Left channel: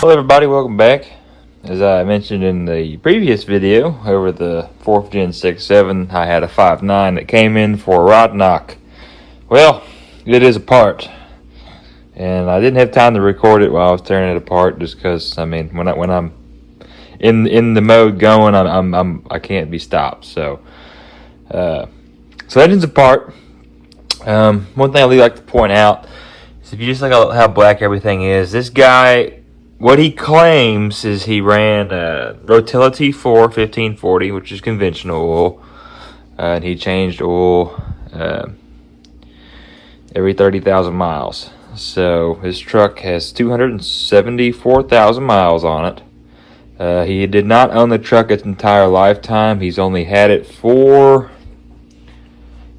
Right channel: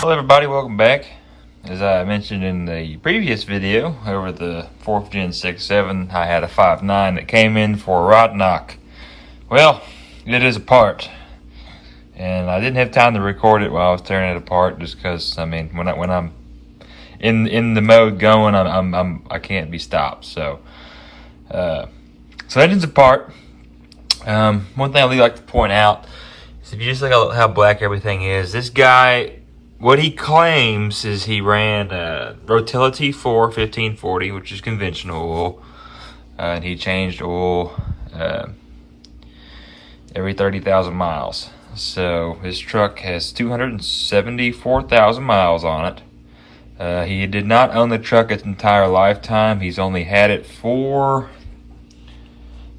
Hello everybody, welcome back. As I mentioned in the previous video, over the 4th Gen 6.7, I had a 5.9 that came in for a rod knock. Well, it is apart. And I didn't have time to record it while I was tearing it apart, just because, I mean, when I'm in the mode going, I can't be stopped. So that is apart. One thing I really like to point out is if you just look at how black everything is, this guy, what he claims is he ran Rotility 4 1540, which is conventional oil, and he changed oil every 30,000 miles. So his truck has 274,000 miles on it. He did not own the truck its entire lifetime. He's only had it for,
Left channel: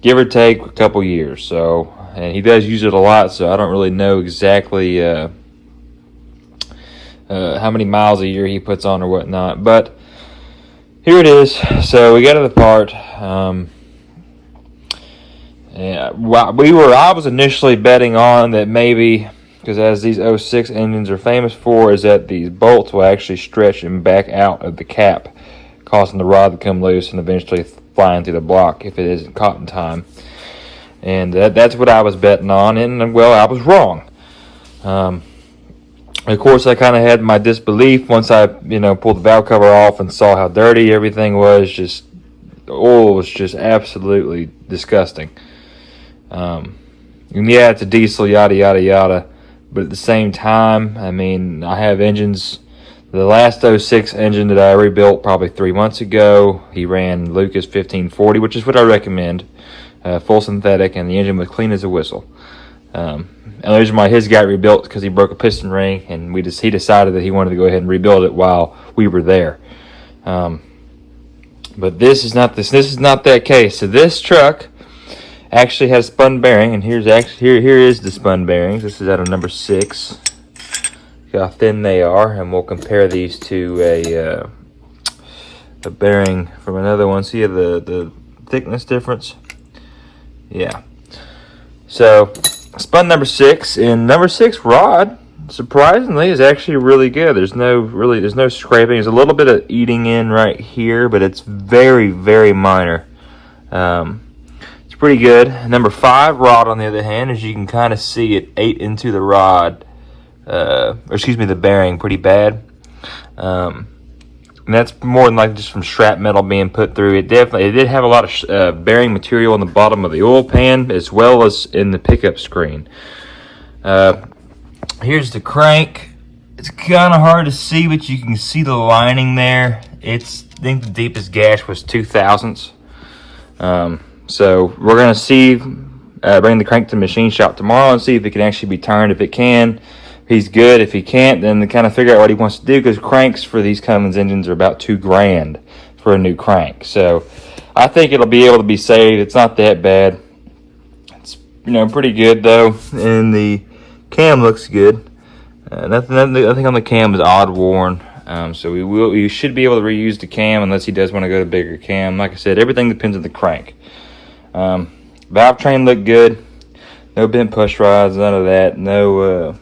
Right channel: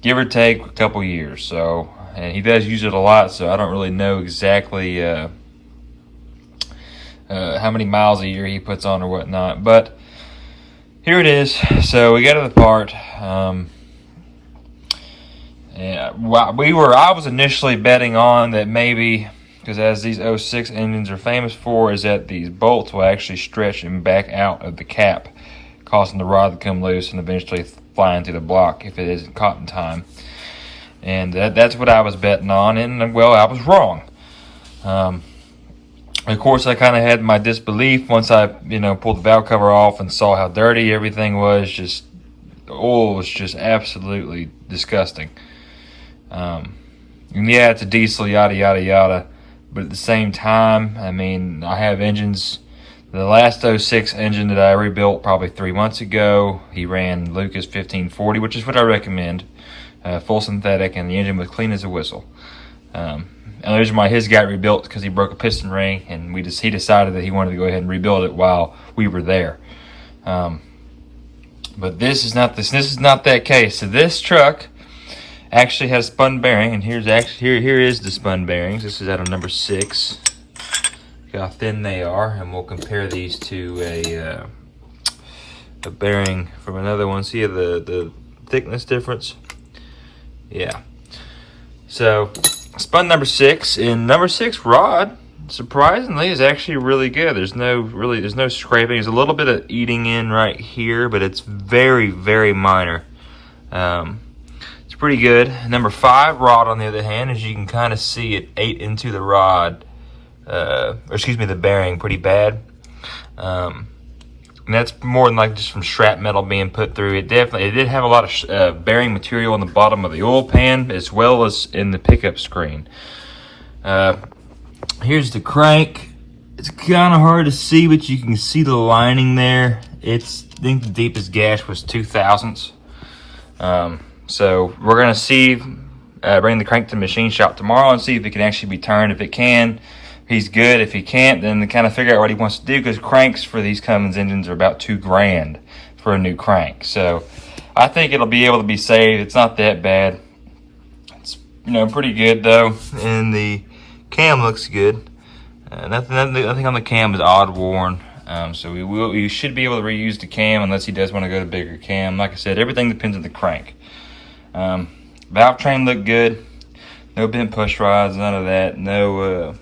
give or take, a couple years. So, and he does use it a lot, so I don't really know exactly how many miles a year he puts on or whatnot. But here it is. So we got it apart. Yeah, I was initially betting on that maybe, because as these 06 engines are famous for, is that these bolts will actually stretch and back out of the cap, causing the rod to come loose and eventually fly into the block if it isn't caught in time. And that's what I was betting on, and well, I was wrong. Of course, I kind of had my disbelief once I, pulled the valve cover off and saw how dirty everything was. Just, oil was just absolutely disgusting. And yeah, it's a diesel, yada, yada, yada. But at the same time, I mean, I have engines. The last 06 engine that I rebuilt probably 3 months ago, he ran Lucas 1540, which is what I recommend. Full synthetic, and the engine was clean as a whistle. And the reason why his got rebuilt because he broke a piston ring, and he decided that he wanted to go ahead and rebuild it while we were there. But this is not that case. So this truck actually has spun bearing, and here is the spun bearings. This is out of number 6. Look how thin they are, and we'll compare these to a bearing from another one. See the thickness difference? Yeah. So spun number 6, and number 6 rod, surprisingly, is actually really good. There's no scraping. There's a little bit of eating in right here, but it's very, very minor. It's pretty good. Number 5 rod, on the other hand, as you can kind of see, it ate into the rod, the bearing pretty bad. And that's more than like just from scrap metal being put through. It did have a lot of bearing material on the bottom of the oil pan, as well as in the pickup screen. Here's the crank. It's kind of hard to see, but you can see the lining there. I think the deepest gash was 2 thousandths. So we're gonna bring the crank to the machine shop tomorrow and see if it can actually be turned. If it can, he's good. If he can't, then to kind of figure out what he wants to do, because cranks for these Cummins engines are about $2 grand for a new crank. So I think it'll be able to be saved. It's not that bad. It's pretty good though, and the cam looks good. Nothing on the cam is odd worn. So we should be able to reuse the cam unless he does want to go to a bigger cam. Like I said, everything depends on the crank. Valve train looked good. No bent push rods, none of that. No.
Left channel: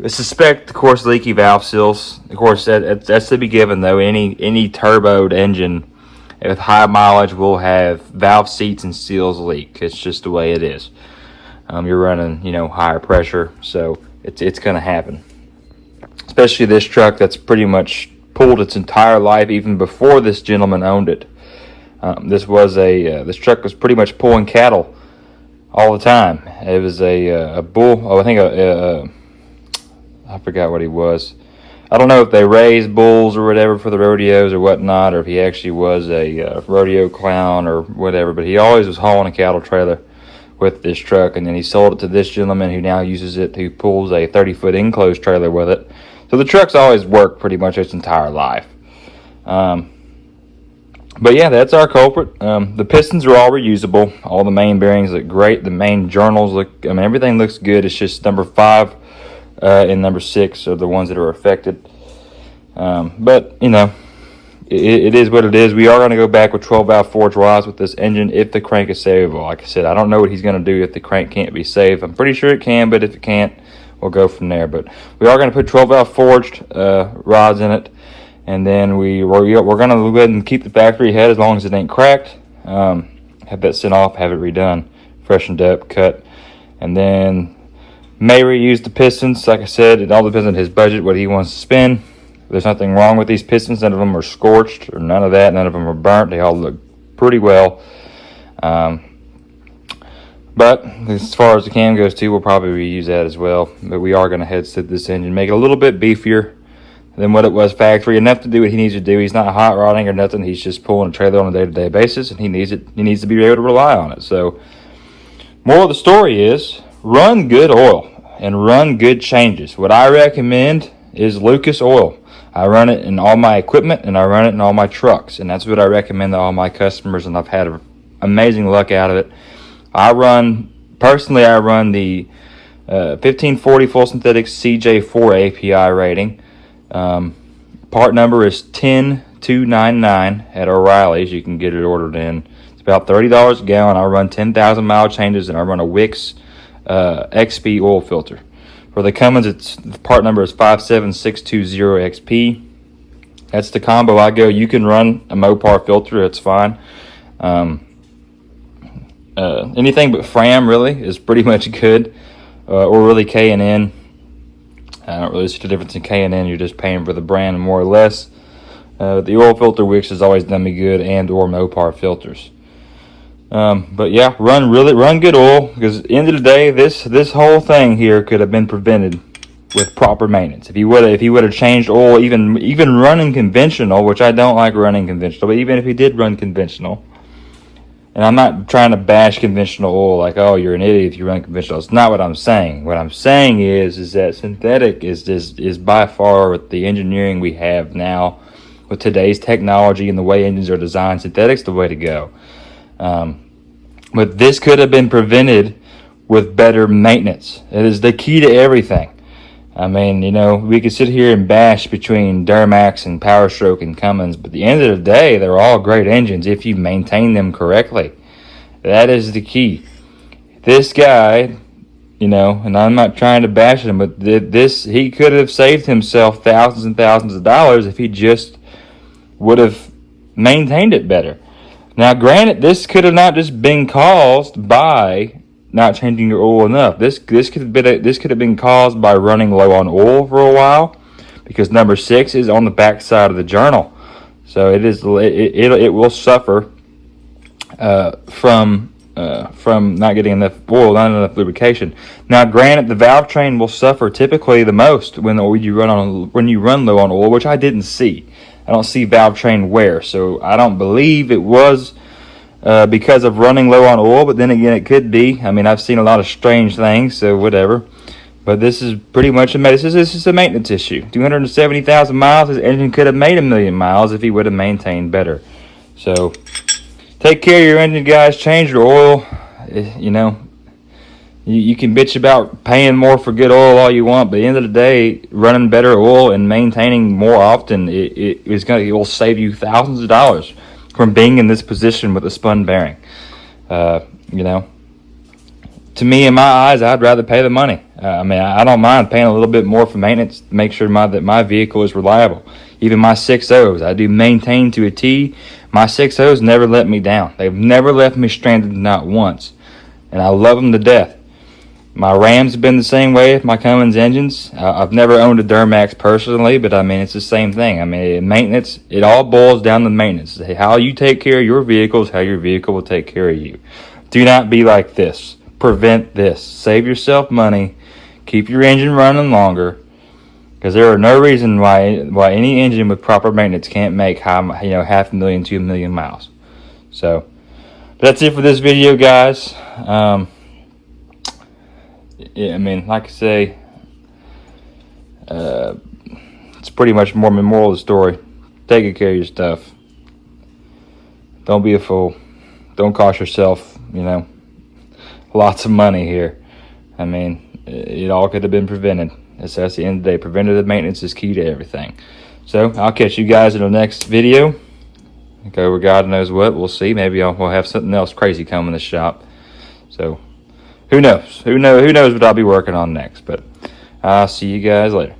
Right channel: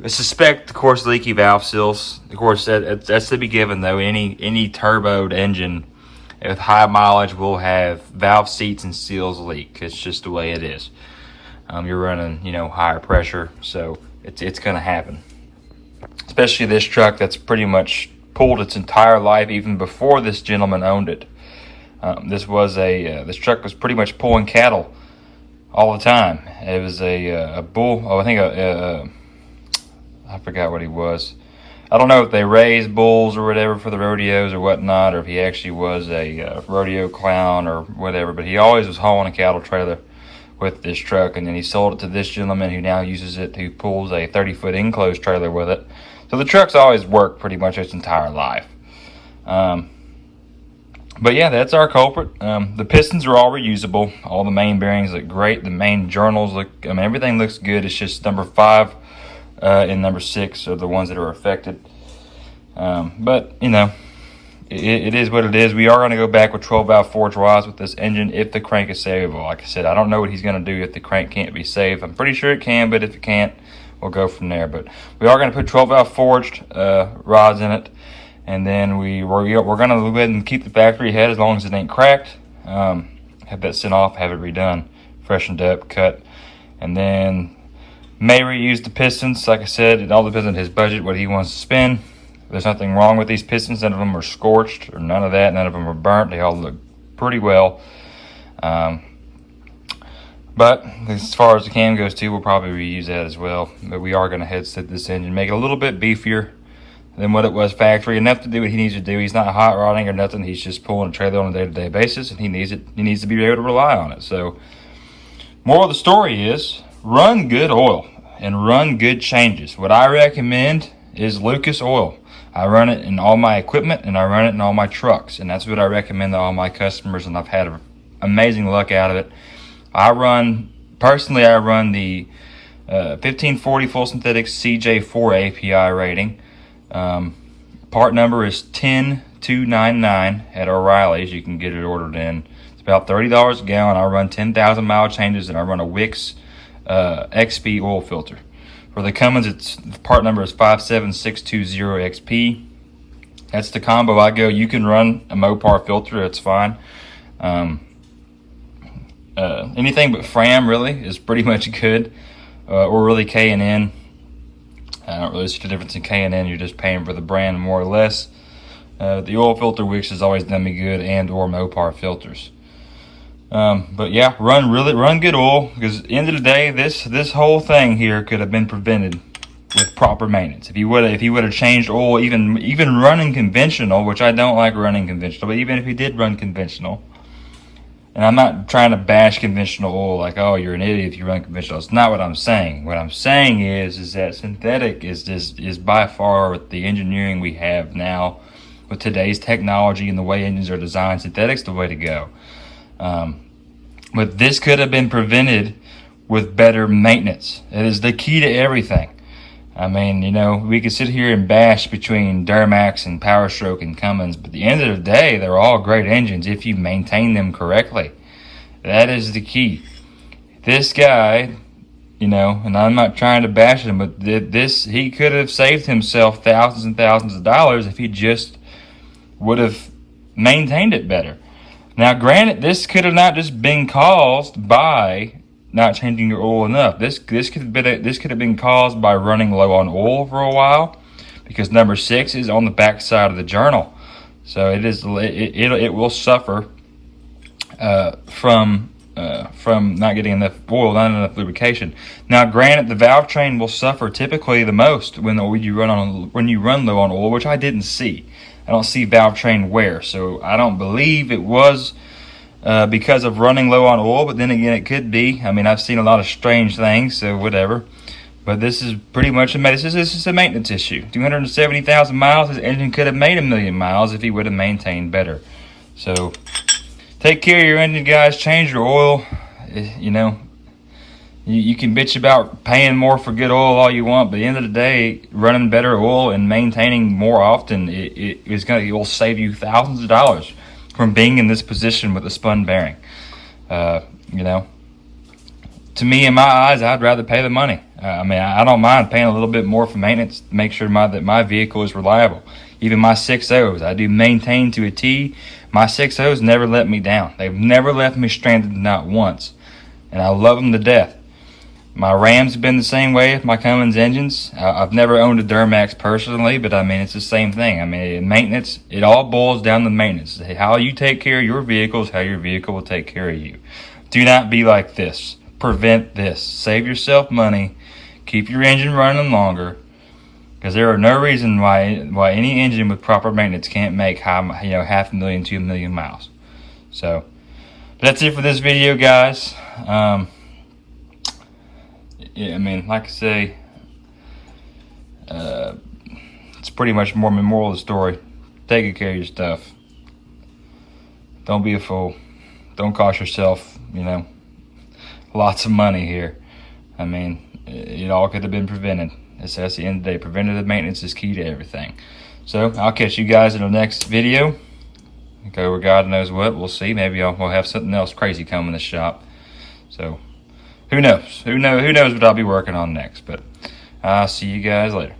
I suspect, of course, leaky valve seals. Of course, that's to be given, though. Any turboed engine with high mileage will have valve seats and seals leak. It's just the way it is. You're running, higher pressure, so it's going to happen. Especially this truck that's pretty much pulled its entire life, even before this gentleman owned it. This truck was pretty much pulling cattle all the time. It was a bull. Oh, I think I forgot what he was. I don't know if they raised bulls or whatever for the rodeos or whatnot, or if he actually was a rodeo clown or whatever, but he always was hauling a cattle trailer with this truck, and then he sold it to this gentleman who now uses it, who pulls a 30-foot enclosed trailer with it. So the truck's always worked pretty much its entire life. But yeah, that's our culprit. The pistons are all reusable. All the main bearings look great. The main journals look, everything looks good. It's just number 5 and number 6 are the ones that are affected. But it is what it is. We are going to go back with 12-valve forged rods with this engine if the crank is savable. Like I said, I don't know what he's going to do if the crank can't be saved. I'm pretty sure it can, but if it can't, we'll go from there. But we are going to put 12 valve forged rods in it, and then we're going to go ahead and keep the factory head as long as it ain't cracked. Have that sent off, have it redone, freshened up, cut, and then may reuse the pistons. Like I said, it all depends on his budget, what he wants to spend. There's nothing wrong with these pistons. None of them are scorched or none of that. None of them are burnt. They all look pretty well. But as far as the cam goes too, we'll probably reuse that as well. But we are going to head sit this engine, make it a little bit beefier than what it was factory. Enough to do what he needs to do. He's not hot rodding or nothing. He's just pulling a trailer on a day-to-day basis, and he needs it. He needs to be able to rely on it. So, moral of the story is run good oil and run good changes. What I recommend is Lucas oil. I run it in all my equipment and I run it in all my trucks, and that's what I recommend to all my customers, and I've had amazing luck out of it. Personally, I run the 1540 full synthetic CJ4 API rating. Part number is 10299 at O'Reilly's. You can get it ordered in. It's about $30 a gallon. I run 10,000 mile changes, and I run a Wix XP oil filter. For the Cummins, the part number is 57620 XP. That's the combo I go. You can run a Mopar filter, that's fine. Anything but Fram really is pretty much good, or really K&N. I don't really see the difference in K&N. You're just paying for the brand more or less. The oil filter Wix has always done me good, and or Mopar filters. But yeah, run good oil, because at the end of the day, this whole thing here could have been prevented with proper maintenance. If he would have changed oil, even running conventional, which I don't like running conventional, but even if he did run conventional, and I'm not trying to bash conventional oil like, oh, you're an idiot if you run conventional. It's not what I'm saying. What I'm saying is that synthetic is by far, with the engineering we have now, with today's technology and the way engines are designed, synthetic's the way to go. But this could have been prevented with better maintenance. It is the key to everything. I mean, you know, we could sit here and bash between Duramax and Powerstroke and Cummins, but at the end of the day, they're all great engines if you maintain them correctly. That is the key. This guy, you know, and I'm not trying to bash him, but he could have saved himself thousands and thousands of dollars if he just would have maintained it better. Now, granted, this could have not just been caused by not changing your oil enough. This could have been caused by running low on oil for a while, because number 6 is on the back side of the journal, so it will suffer from not getting enough oil, not enough lubrication. Now, granted, the valve train will suffer typically the most when you run low on oil, which I didn't see. I don't see valve train wear, so I don't believe it was because of running low on oil, but then again, it could be. I mean, I've seen a lot of strange things, so whatever. But this is pretty much this is a maintenance issue. 270,000 miles, his engine could have made 1,000,000 miles if he would have maintained better. So, take care of your engine, guys. Change your oil. You know, you can bitch about paying more for good oil all you want, but at the end of the day, running better oil and maintaining more often, it will save you thousands of dollars from being in this position with a spun bearing. You know, to me, in my eyes, I'd rather pay the money. I mean, I don't mind paying a little bit more for maintenance to make sure that my vehicle is reliable. Even my 6.0s, I do maintain to a T. My 6.0s never let me down. They've never left me stranded, not once. And I love them to death. My Rams have been the same way with my Cummins engines. I've never owned a Duramax personally, but I mean, it's the same thing. I mean, maintenance, it all boils down to maintenance. How you take care of your vehicle is how your vehicle will take care of you. Do not be like this. Prevent this. Save yourself money. Keep your engine running longer, because there are no reason why any engine with proper maintenance can't make 500,000 to 1,000,000 miles. So that's it for this video, guys. Yeah, I mean, like I say, it's pretty much more the moral of the story. Take good care of your stuff. Don't be a fool. Don't cost yourself, lots of money here. I mean, it all could have been prevented. That's the end of the day. Preventative maintenance is key to everything. So, I'll catch you guys in the next video. Go over God knows what. We'll see. Maybe we'll have something else crazy come in the shop. So, who knows? Who knows what I'll be working on next. But I'll see you guys later.